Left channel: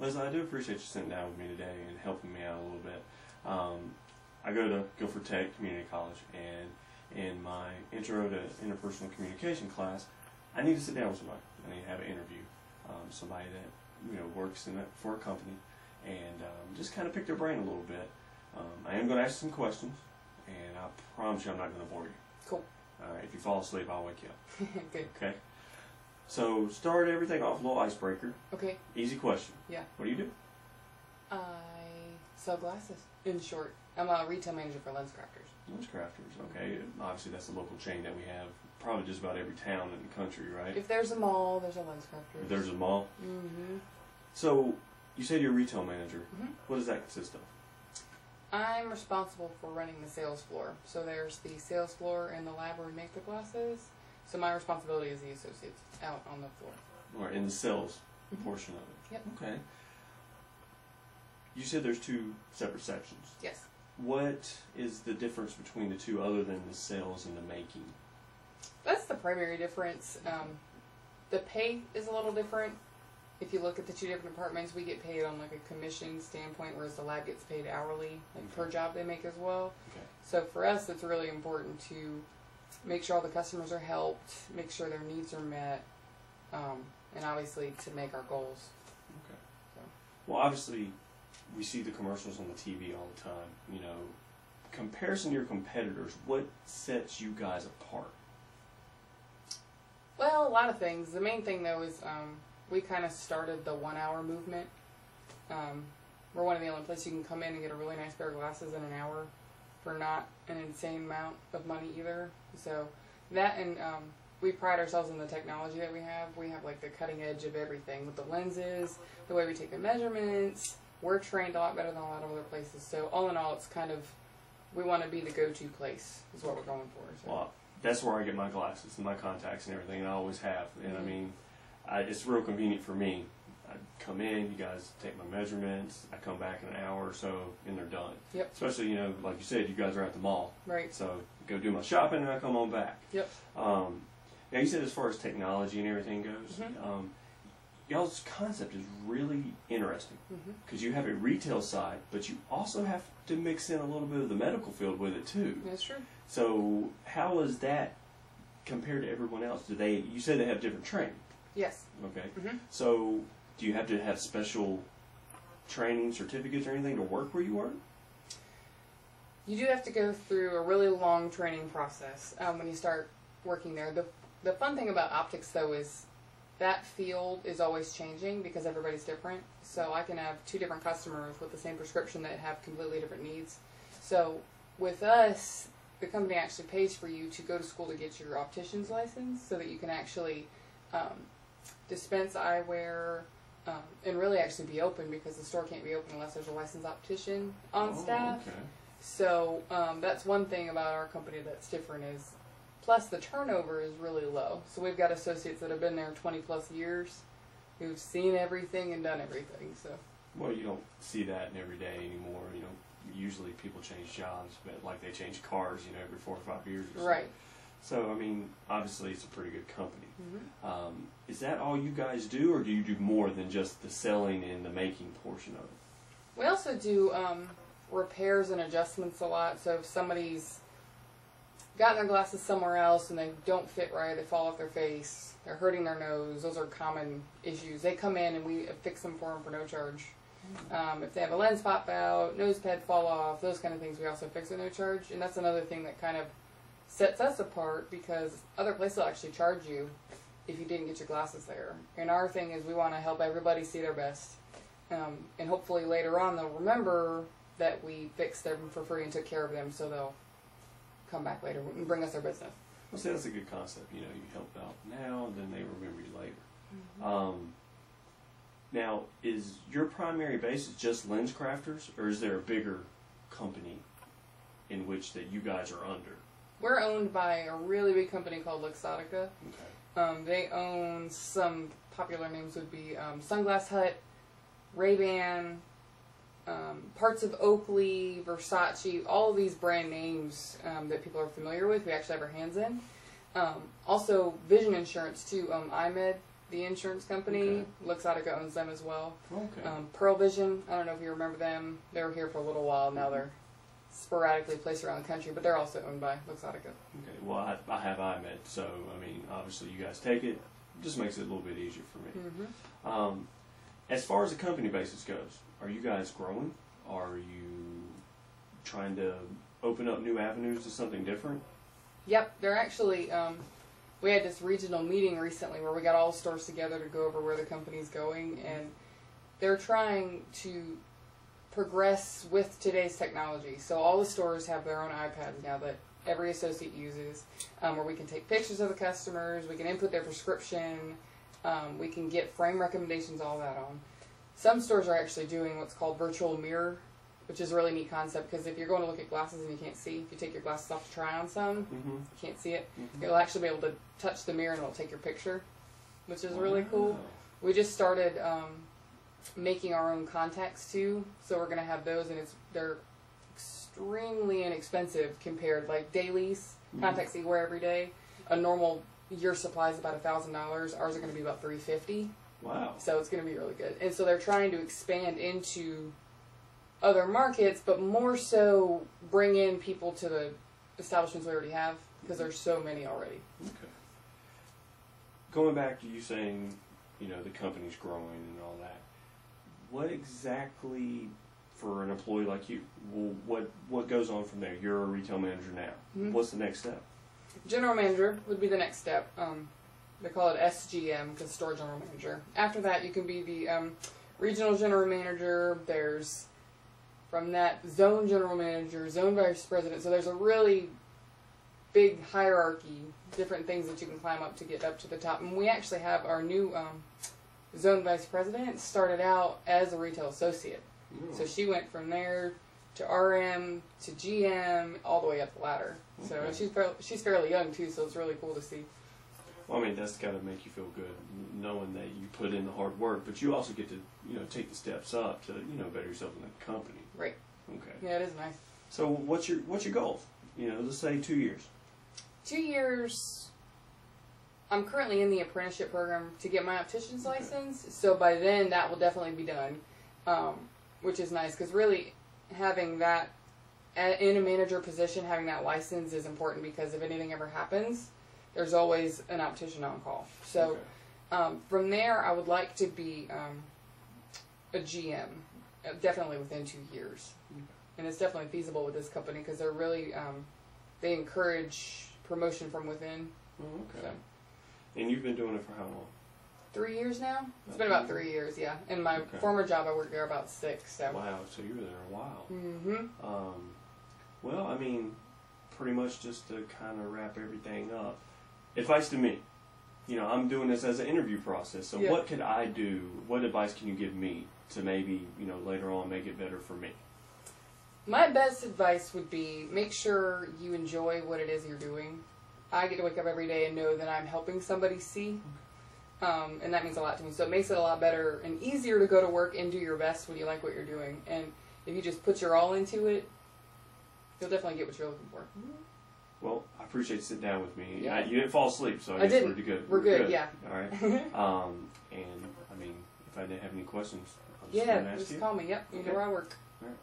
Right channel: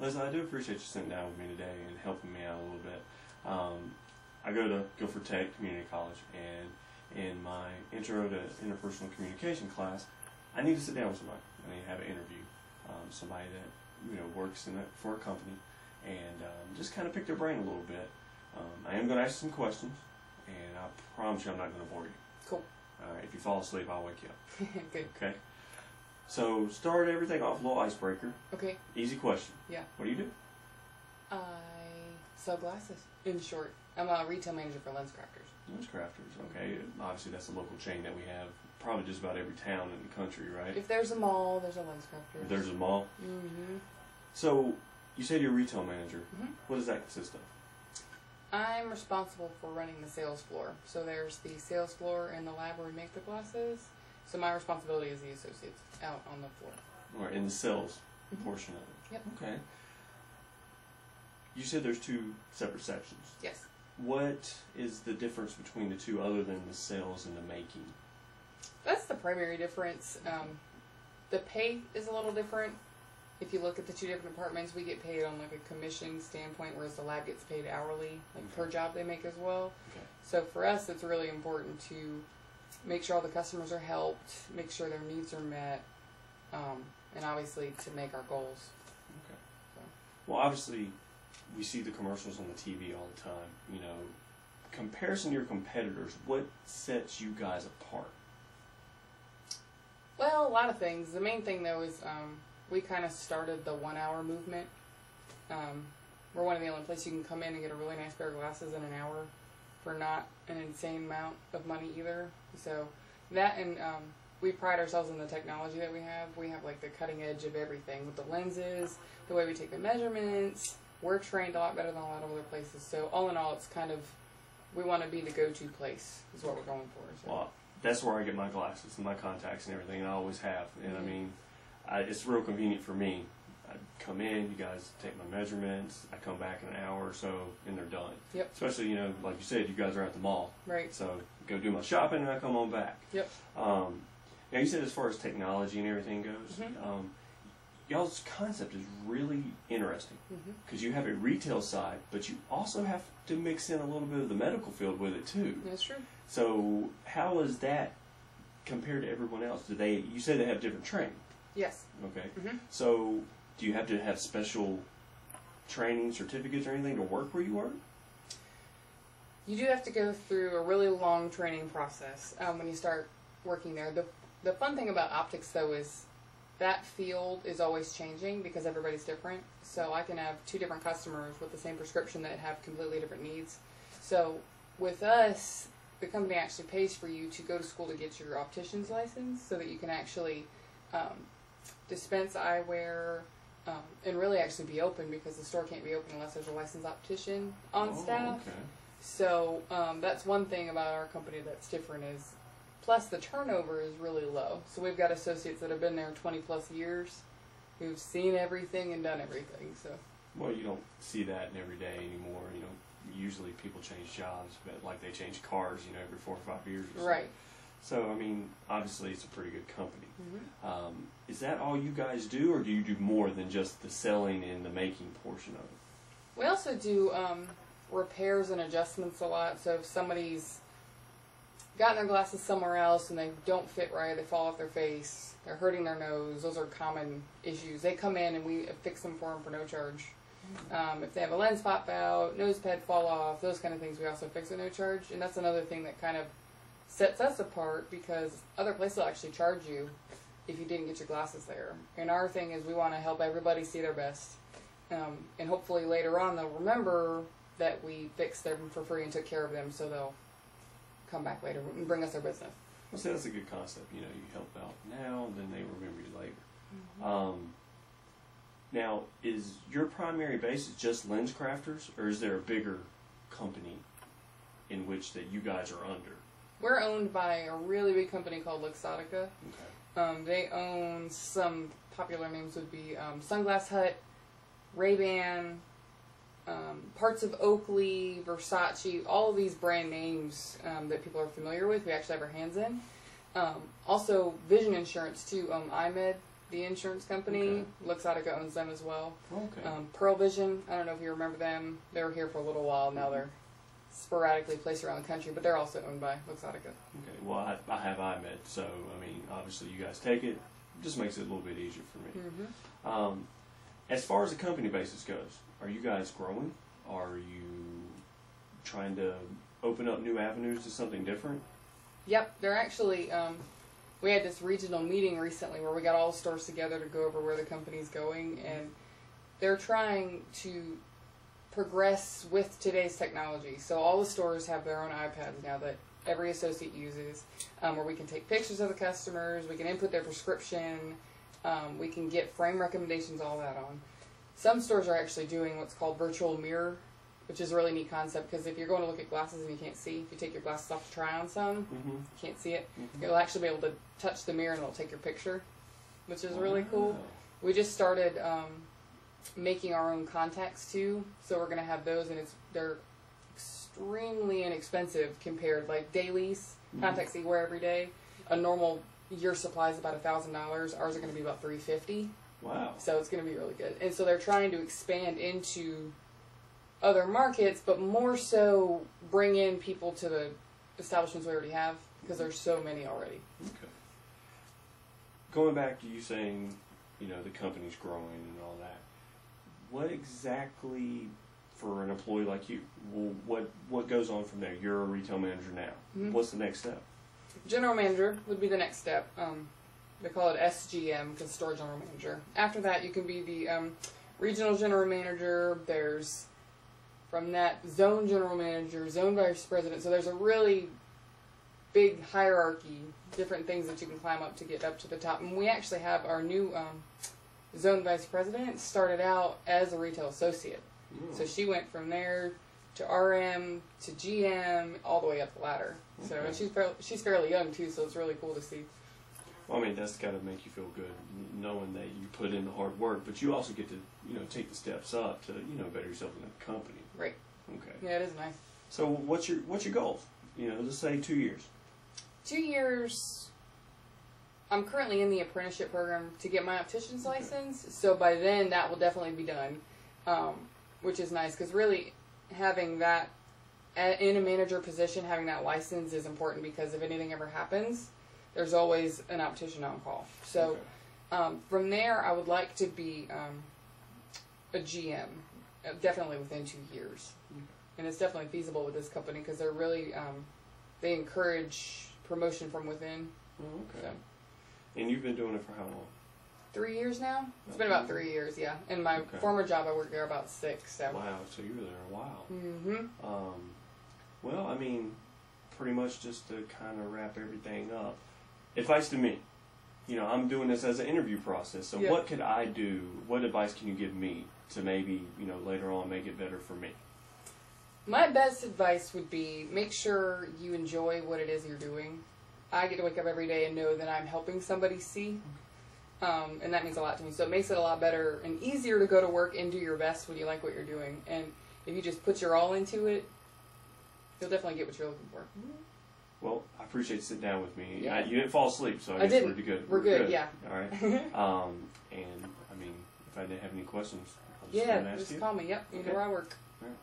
Liz, I do appreciate you sitting down with me today and helping me out a little bit. I go to Guilford Tech Community College, and in my Intro to Interpersonal Communication class, I need to sit down with somebody. I need to have an interview, somebody that works for a company, and just kind of pick their brain a little bit. I am going to ask some questions, and I promise you I'm not going to bore you. Cool. All right, if you fall asleep, I'll wake you up. Good. Okay. So start everything off a little icebreaker. Okay. Easy question. Yeah. What do you do? I sell glasses. In short, I'm a retail manager for Lens Crafters. Lens Crafters. Okay. Obviously, that's a local chain that we have probably just about every town in the country, right? If there's a mall, there's a Lens Crafters. If there's a mall. Mm-hmm. So you said you're a retail manager. Mm-hmm. What does that consist of? I'm responsible for running the sales floor. So there's the sales floor in the lab where we make the glasses. So my responsibility is the associates out on the floor. Or in the sales portion of it. Yep. Okay. You said there's two separate sections. Yes. What is the difference between the two other than the sales and the making? That's the primary difference. The pay is a little different. If you look at the two different departments, we get paid on like a commission standpoint, whereas the lab gets paid hourly, like per job they make as well. Okay. So for us, it's really important to make sure all the customers are helped, make sure their needs are met, and obviously to make our goals. Okay. So. Well, obviously, we see the commercials on the TV all the time. Comparison to your competitors, what sets you guys apart? Well, a lot of things. The main thing, though, is we kind of started the 1 hour movement. We're one of the only places you can come in and get a really nice pair of glasses in an hour for not an insane amount of money either. So that, and we pride ourselves in the technology that we have. We have like the cutting edge of everything with the lenses, the way we take the measurements. We're trained a lot better than a lot of other places. So all in all, it's kind of, we want to be the go-to place is what we're going for. So. Well, that's where I get my glasses and my contacts and everything, and I always have. And I mean, it's real convenient for me. I come in, you guys take my measurements, I come back in an hour or so, and they're done. Yep. Especially, like you said, you guys are at the mall. Right. So go do my shopping, and I come on back. Yep. Now, you said as far as technology and everything goes, y'all's concept is really interesting because you have a retail side, but you also have to mix in a little bit of the medical field with it too. That's true. So how is that compared to everyone else? You said they have different training? Yes. Okay. So do you have to have special training certificates or anything to work where you work? You do have to go through a really long training process when you start working there. The fun thing about optics, though, is that field is always changing because everybody's different. So I can have two different customers with the same prescription that have completely different needs. So with us, the company actually pays for you to go to school to get your optician's license so that you can actually dispense eyewear and really actually be open, because the store can't be open unless there's a licensed optician on staff. Okay. So that's one thing about our company that's different is, plus the turnover is really low. So we've got associates that have been there 20 plus years who've seen everything and done everything. So. Well, you don't see that in every day anymore. Usually people change jobs, but like they change cars, every 4 or 5 years or so. Right. So, I mean, obviously it's a pretty good company. Is that all you guys do, or do you do more than just the selling and the making portion of it? We also do repairs and adjustments a lot. So if somebody's gotten their glasses somewhere else and they don't fit right, they fall off their face, they're hurting their nose, those are common issues. They come in and we fix them for them for no charge. If they have a lens pop out, nose pad fall off, those kind of things we also fix at no charge. And that's another thing that kind of sets us apart, because other places will actually charge you if you didn't get your glasses there. And our thing is we want to help everybody see their best. And hopefully later on they'll remember that we fixed them for free and took care of them, so they'll come back later and bring us their business. Well, see, that's a good concept. You help out now, then they remember you later. Now, is your primary base just Lens Crafters, or is there a bigger company in which that you guys are under? We're owned by a really big company called Luxottica. Okay. They own some popular names would be Sunglass Hut, Ray-Ban, parts of Oakley, Versace, all of these brand names that people are familiar with, we actually have our hands in. Also, vision insurance too. IMED the insurance company. Okay. Luxottica owns them as well. Okay. Pearl Vision, I don't know if you remember them. They were here for a little while. Now they're sporadically placed around the country, but they're also owned by Luxottica. Okay. Well, I have iMed, so I mean, obviously you guys take it. Just makes it a little bit easier for me. Mm-hmm. As far as the company basis goes, are you guys growing? Are you trying to open up new avenues to something different? Yep, they're actually. We had this regional meeting recently where we got all the stores together to go over where the company's going, and they're trying to progress with today's technology. So all the stores have their own iPads now that every associate uses, where we can take pictures of the customers, we can input their prescription, we can get frame recommendations, all that on. Some stores are actually doing what's called virtual mirror, which is a really neat concept, because if you're going to look at glasses and you can't see, if you take your glasses off to try on some, you can't see it, you'll actually be able to touch the mirror and it'll take your picture, which is really cool. We just started making our own contacts too, so we're going to have those, and they're extremely inexpensive compared, like dailies, contacts that you wear every day. A normal year supply is about $1,000. Ours are going to be about $350. Wow. So it's going to be really good. And so they're trying to expand into other markets, but more so bring in people to the establishments we already have, because there's so many already. Okay. Going back to you saying, you know, the company's growing and all that, what exactly, for an employee like you, what goes on from there? You're a retail manager now. What's the next step? General manager would be the next step. They call it SGM, because store general manager. After that, you can be the regional general manager. There's, from that, zone general manager, zone vice president. So there's a really big hierarchy, different things that you can climb up to get up to the top. And we actually have our new zone vice president started out as a retail associate. So she went from there to RM to GM, all the way up the ladder. So and she's fairly young too, so it's really cool to see. Well, I mean, that's got to make you feel good, knowing that you put in the hard work, but you also get to, you know, take the steps up to, you know, better yourself in the company. Right. Okay. Yeah, it is nice. So what's your goal? You know, let's say 2 years. 2 years. I'm currently in the apprenticeship program to get my optician's license, so by then that will definitely be done, which is nice, because really having that in a manager position, having that license is important, because if anything ever happens, there's always an optician on call. So from there, I would like to be a GM, definitely within 2 years. And it's definitely feasible with this company, because they're really, they encourage promotion from within. So. And you've been doing it for how long? 3 years now? It's been about 3 years, yeah. In my former job, I worked there about 6. So. Wow, so you were there a while. Mm-hmm. Well, I mean, pretty much just to kind of wrap everything up, advice to me. You know, I'm doing this as an interview process, so what could I do? What advice can you give me to maybe, you know, later on make it better for me? My best advice would be make sure you enjoy what it is you're doing. I get to wake up every day and know that I'm helping somebody see, and that means a lot to me. So it makes it a lot better and easier to go to work and do your best when you like what you're doing. And if you just put your all into it, you'll definitely get what you're looking for. Well, I appreciate you sitting down with me. Yeah. You didn't fall asleep, so I guess we're good. We're good, yeah. All right. And, I mean, if I didn't have any questions, I'll just ask just you. call me. Yep, you know where I work. All right.